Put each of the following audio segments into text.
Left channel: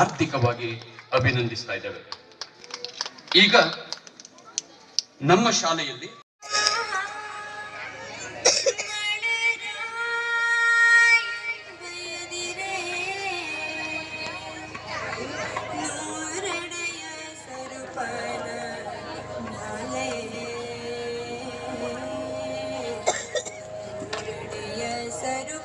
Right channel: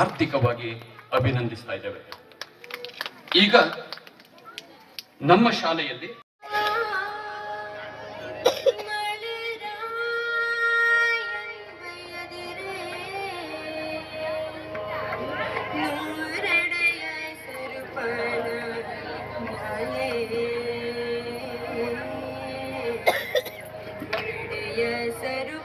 ಆರ್ಥಿಕವಾಗಿ ಅಭಿನಂದಿಸ್ತಾ ಇದ್ದೇವೆ. ಈಗ ನಮ್ಮ ಶಾಲೆಯಲ್ಲಿ ಹೆಸರು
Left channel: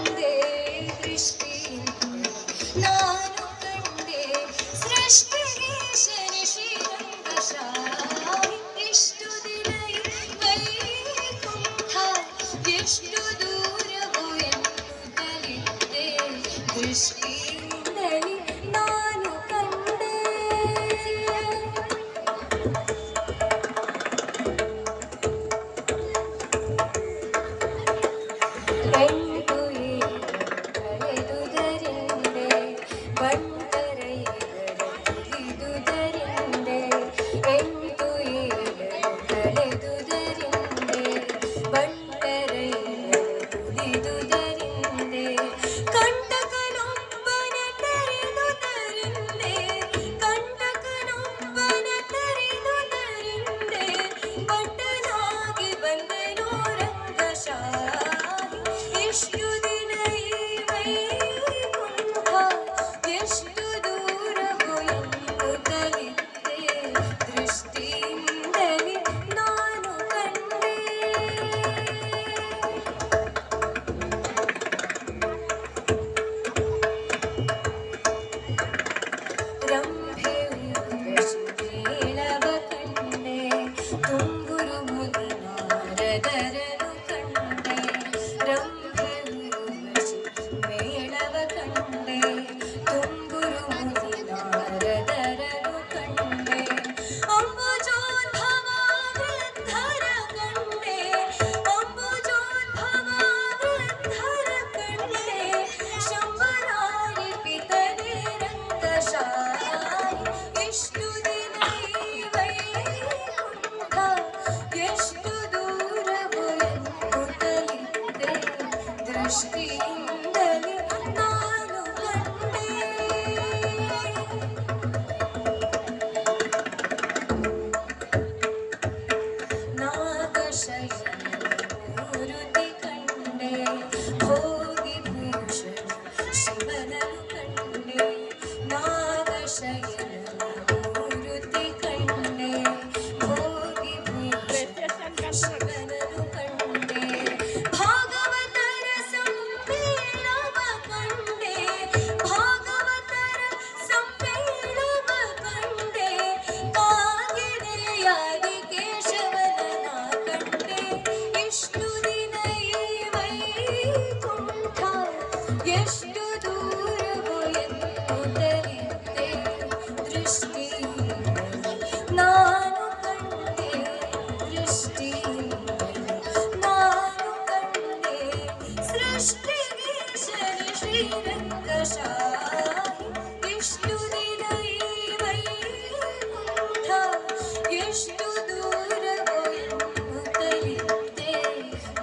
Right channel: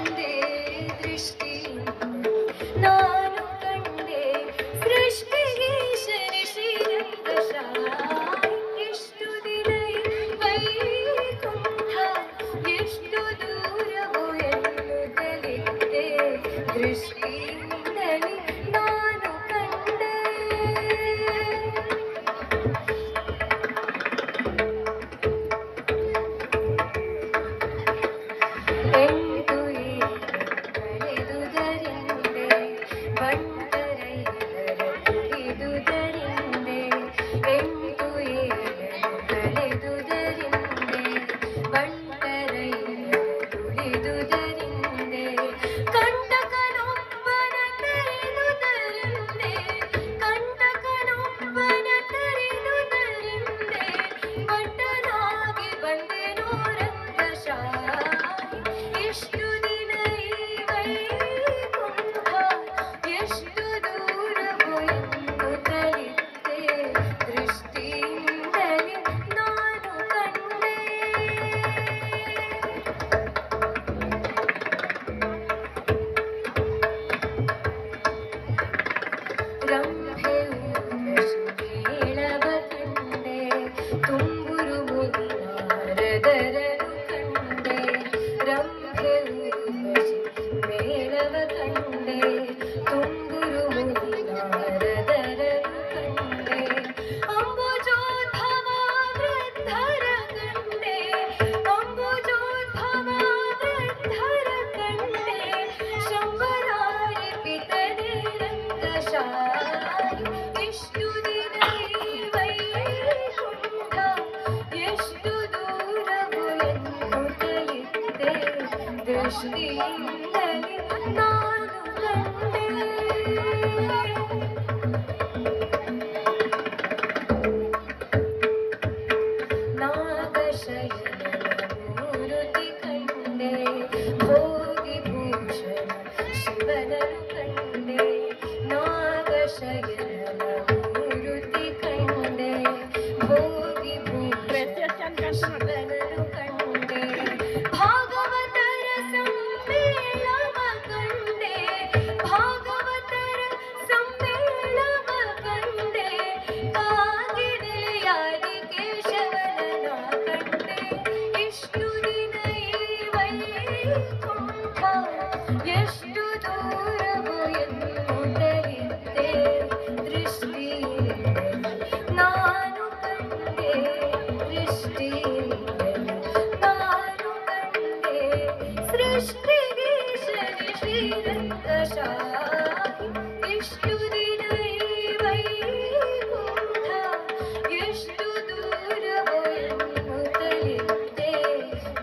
वन्दे दृष्टि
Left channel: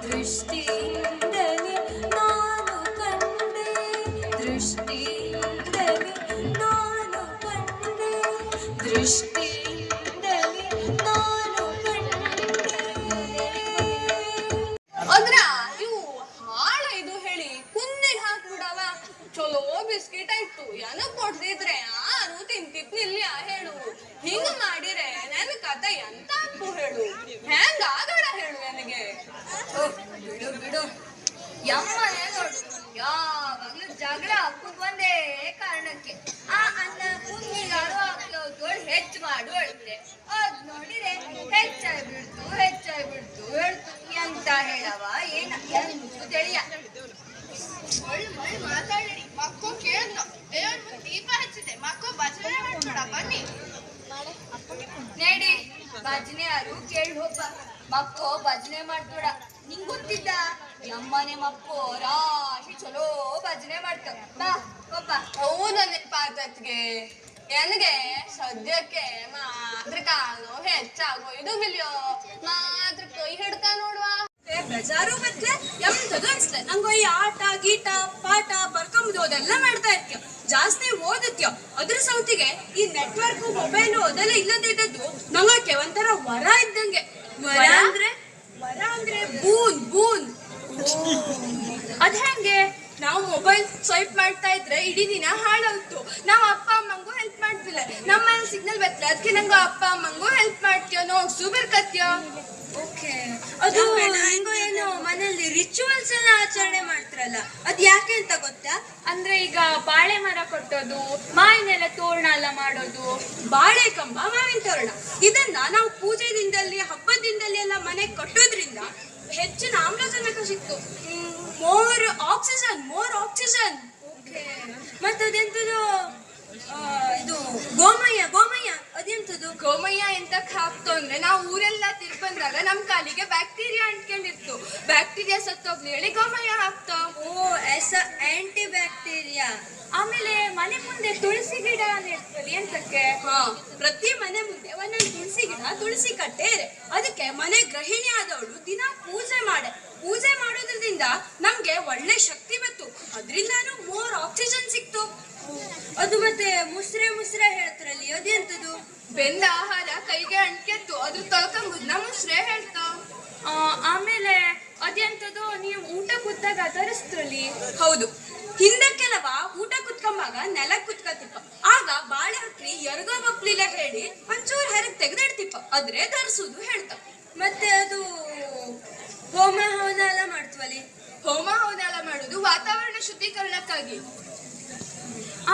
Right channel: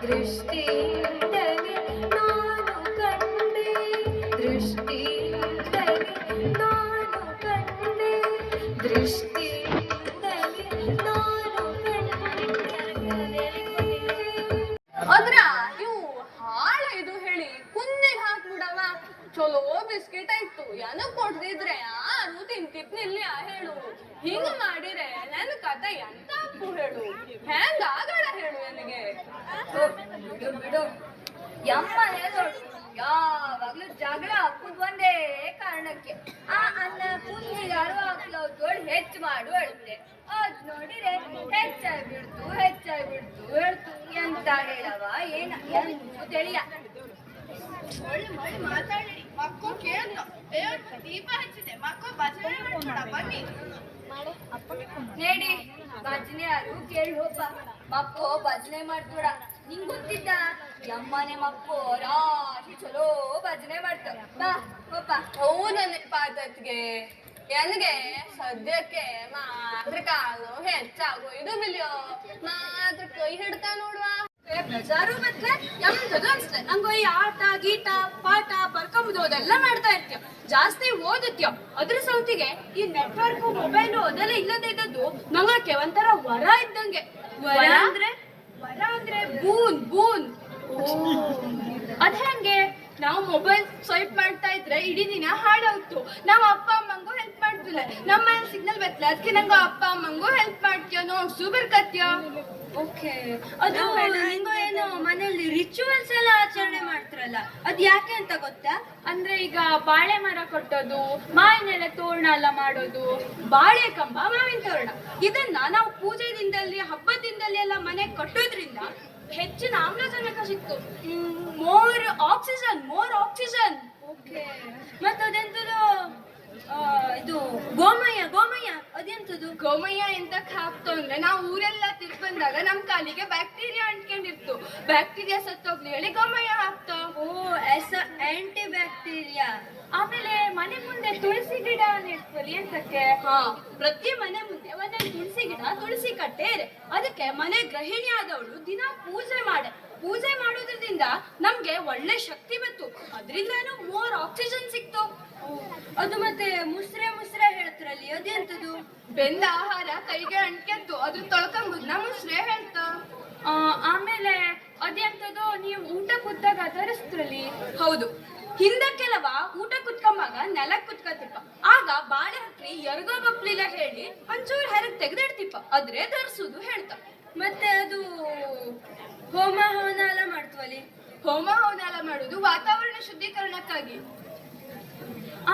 Wüste ಯಮ್ಮನೆ ನೋಡು. ಯಾವಾಗ್ಲೂ ಜಗಳ ಹಾಕುದ್ ಒಂದೇ ಕಾರಣಕ್ಕೆ. ಆ ಅನ್ನ ಕುಂಗಿಗಾರು ಹಾಕ್ಲೋ ದೊಡ್ಡ ಹೆಚ್ಚು ಮಾಡು ಅಳ್ತೆ ಅದ್ ಹೆಚ್ಚಾಗಿ ಬಿಡ್ತು ಹೆಚ್ಚಾಗಿ ಬಿಡ್ತು ಹೇಳ್ತು. ಎಂತ ಹೇಳವ ಏನ ಎಂದು ತಿಳಿಯ. ಮಾತಾಡಿ. ಮಕ್ಕಳು ಕೇಳ್ದ ದೀಪ ಹಚ್ಚಿದೆ ಮಕ್ಕಳು ಭಜನೆ ಮಾಡ್ಬೇಡ ಬನ್ನಿ. ನೇಡಿ ಭಜನೆ ಯಾರು ಕೇಳಿ ಹೋಗ ಮಕ್ಕೋ ಭಜನೆ ಮಾಡ್ಬೇಡ ನಿಂಗ್ ಗೊತ್ತಿದ್ದ? ನಮ್ಮನೆ ಮಕ್ಕೋ ರಾಶಿ ಚಲೋ ಭಜನೆ ಮಾಡ್ತಾವ. ಬಾ ಹೋಪ ನನ್ನ ಪಾತತ್ಗೆ ನನಗೆ ಸದ್ಯಕ್ಕೆ ಮಾತ್ರ ಕಾಲು ಹೆಚ್ಚಾಗೋ ಇದು ಬಿಲಿಯೋ ಮಾತ್ರ ಕೈ ಹಿಡ್ತಾ ನೋಡುವ. ಬೇಜಾರು ಮತ್ತೆ ಎಂತದು ಅನ್ಸ್ಲೆ ನಂಗೆ ಈ ಆಟ ಗೀಟ ಪಾಠ ಬರ್ಕೊಂಬುದು ಅದೆಲ್ಲ ಮಾಡ್ತಾ ಇರ್ತೀಯ? ಜಾಸ್ತಿ ಓದತ್ಯ? ಅದ್ರ ಸೌತಿಗೆ ಈ ನೆಟ್ವರ್ಕ್ ಮೊಬೈಲು ಅದೆಲ್ಲ ಇಲ್ಲದೆ ಇದ್ದದ್ದು. ನಂಗಕ್ಕೆ ಒಂಥರ ವರ ಇದ್ದಂಗೆ. ವರ ಅಂದ್ರೆ ವರ ಅಂದ್ರೆ ಬೂನ್ ಬೂನ್ ಅದ್ ಹೆಂಗೆ ನಾವು ಮೊಬೈಲ್ ಸ್ವೈಪ್ ಮಾಡ್ತಾ ಇದ್ರೆ ದಿನ ನಾವು ಅಪ್ಪ ಅಮ್ಮಂಗೂ ಹೆಲ್ಪ್ ಮಾಡ್ತಿಲ್ಲ. ನಮ್ಮ ಸಿಗ್ನಲ್ ಬತ್ತಲ ಅದಕ್ಕೆ ನಂಗೆ ಅಪ್ಪ ಅಮ್ಮಂಗೂ ಹೆಲ್ಪ್ ಮಾಡ್ತೀಯೋ ನೋ ಸೂಪರ್ ಕತ್ಯೋ? ಓಕೆ. ಅದು ಹೆಂಗೋ ಏನೋ ಮನೆಯಲ್ಲಿ ರಿಚುವಲ್ಸ್ ಎಲ್ಲ ಆಚರಣೆ ಮಾಡ್ತಾರಲ್ಲ ಅದು ಯಾಕೆ ಅಂತ ಗೊತ್ತಾ? ಅಂದ್ರೆ ಈಗ ಬಾಳೆ ಮರ ಕೊಟ್ಟೋದು ಮಾವಿನೆಲ್ಲ ತೋರಣ ಎಲ್ಲ ಮಾಡೋದು ಬಾಳೆ ಕಂಬ ಮಾವಿನ ತೋರಣ. ಇದನ್ನ ನಾವು ಪೂಜೆ ದಿನದಲ್ಲಿ ಹಬ್ಬದ ದಿನದಲ್ಲಿ ಎಲ್ಲ ಮನೆ ಕಟ್ಟೋದ್ರಿಂದ ಹೆಚ್ಚಿನ ಆಮ್ಲಜನಕ ಸಿಕ್ತು. More oxygen more oxygen okay. ಮತ್ತೆ ಅದೆಂತದು ಆ, ಇದು ಗೋಮಯ್ಯ ಗೋಮಯ್ಯ ಅದೆಂತದು? ಗೋಮಯ್ಯ ಎಂತಕ್ ಹಾಕ್ತು ಅಂದ್ರೆ ನಾವು ಊರೆಲ್ಲ ತಿರ್ಕೊಂಡಾಗ ನಮ್ ಕಾಲಿಗೆ ಬ್ಯಾಕ್ಟೀರಿಯಾ ಅಂಟ್ಕೊಂಡಿರ್ತು. ಬ್ಯಾಕ್ಟೀರಿಯಾ ಸತ್ತೋಗ್ಲಿ ಹೇಳಿ ಗೋಮಯ್ಯ ಹಾಕ್ತ. ಓ ಎಸ್ ಆಂಟಿ ಬ್ಯಾಕ್ಟೀರಿಯಾ ಆಮೇಲೆ ಮನೆ ಮುಂದೆ ತುಳಸಿ ಗಿಡ ನೆಟ್ಕೊಳ್ಳಿ ಎಂತಕ್ಕೆ ಹಾ. ಪ್ರತಿ ಮನೆ ಮುಂದೆ ಒಂದೊಂದು ತುಳಸಿ ಗಿಡ ತುಳಸಿ ಕಟ್ಟೆ ಅದಕ್ಕೆ ಮನೆ ಗೃಹಿಣಿ ಆದವಳು ದಿನ ಪೂಜೆ ಮಾಡೆ. ಪೂಜೆ ಮಾಡೋದ್ರಿಂದ ನಮ್ಗೆ ಒಳ್ಳೆ ಶಕ್ತಿ ಬಂತು. ಅದ್ರಿಂದಾನು ಮೋರ್ ಆಕ್ಸಿಜನ್ ಸಿಕ್ತು. ಅದು ಮತ್ತೆ ಮುಸ್ರೆ ಮುಸ್ರೆ ಹೇಳ್ತಾರಲ್ಲಿ ಅದೆಂತದು ಬೆಂದ ಆಹಾರ ಕೈಗೆ ಅಂಟ್ಕೆತ್ತು ಅದು ತೊಳ್ಕೊಂಬುದು. ನಮ್ಮ ಮುಸ್ರೆ ಹೇಳ್ತಾ. ಆಮೇಲೆ ಅದೆಂತದು ನೀವು ಊಟ ಕೂತಾಗ ತರಿಸ್ತ್ರಲ್ಲಿ ಹೌದು. ಹಿಂದೆ ಕೆಲವ ಊಟ ಕುತ್ಕೊಂಬಾಗ ನೆಲ ಕುತ್ಕೊತಿಪ್ಪ ಆಗ ಬಾಳೆ ಹಕ್ರಿ ಎರಗೋ ಬಪ್ಲಿಲ್ಲ ಹೇಳಿ ಒಂಚೂರು ಹೆರಗ್ ತೆಗೆದಿಡ್ತಿಪ್ಪ. ಅದ್ರೆ ಧರಿಸುದು ಹೇಳ್ತ ಮತ್ತೆ ಅದು ಹೋಮ ಹವನ ಎಲ್ಲ ಮಾಡ್ತೀವಲ್ಲಿ ಹೋಮ ಹವನ ಎಲ್ಲ ಮಾಡೋದು ವಾತಾವರಣ ಶುದ್ಧೀಕರಣಕ್ಕಾಗಿ.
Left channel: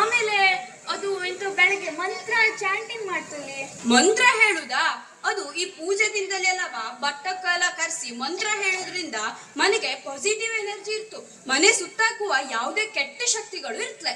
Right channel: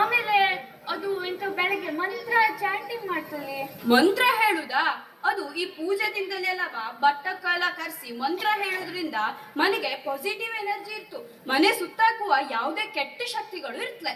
ಆಮೇಲೆ ಅದು ಎಂತ ಬೆಳಗ್ಗೆ ಮಂತ್ರ ಚಾಂಟಿಂಗ್ ಮಾಡ್ತಾರೆ ಮಂತ್ರ ಹೇಳುದಾ? ಅದು ಈ ಪೂಜೆದಿಂದಲೇ ಅಲ್ಲವ ಬಟ್ಟಕ್ಕೆಲ್ಲ ಕರೆಸಿ ಮಂತ್ರ ಹೇಳೋದ್ರಿಂದ ಮನೆಗೆ ಪಾಸಿಟಿವ್ ಎನರ್ಜಿ ಇರ್ತು. ಮನೆ ಸುತ್ತಾಕುವ ಯಾವುದೇ ಕೆಟ್ಟ ಶಕ್ತಿಗಳು ಇರ್ತಲೆ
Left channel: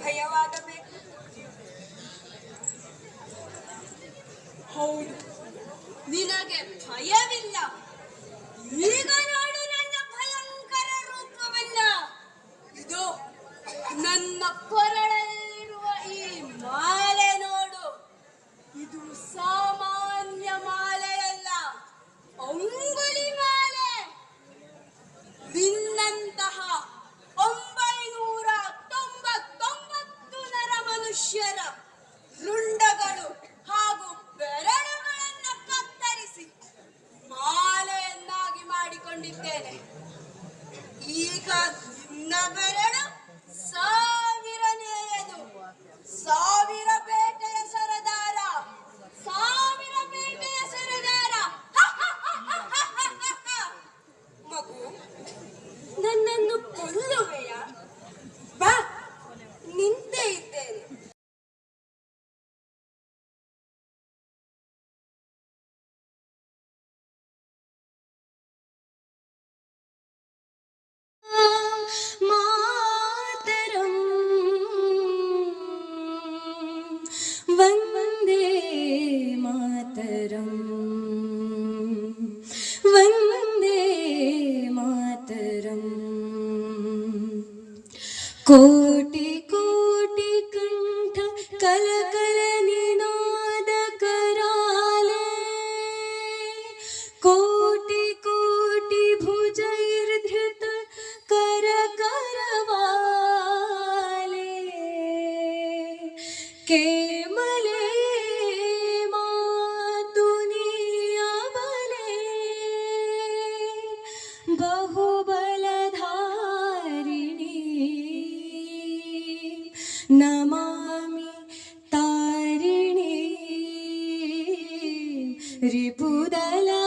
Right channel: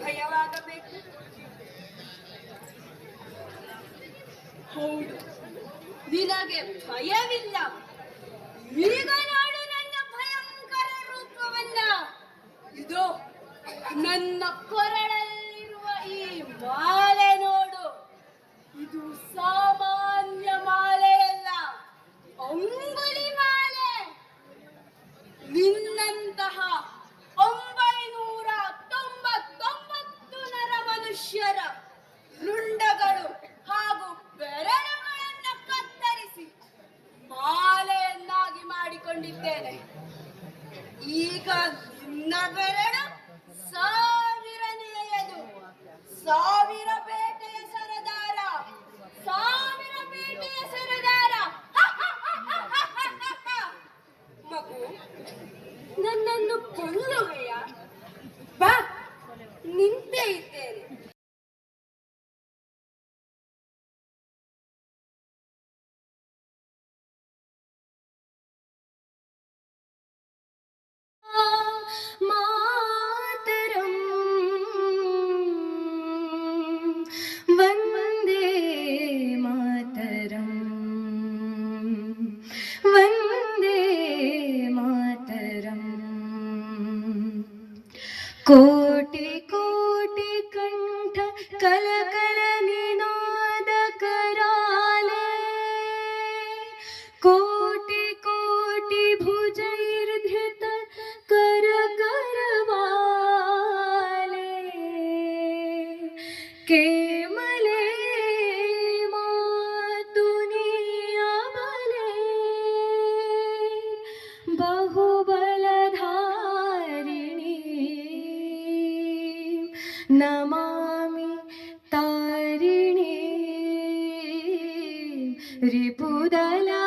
ಭಯವಾಗಬೇಕು ಹೌದು. ನಿನಗೆ ಭಯವಿಲ್ಲ. ಮಾತರಂ ವಂದೇ ಮಾತರಂ ವಂದೇ ಮಾತರಂ Ripudala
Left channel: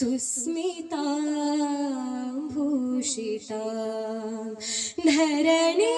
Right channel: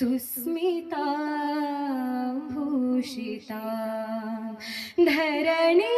सुस्मिता भूषिता धरणी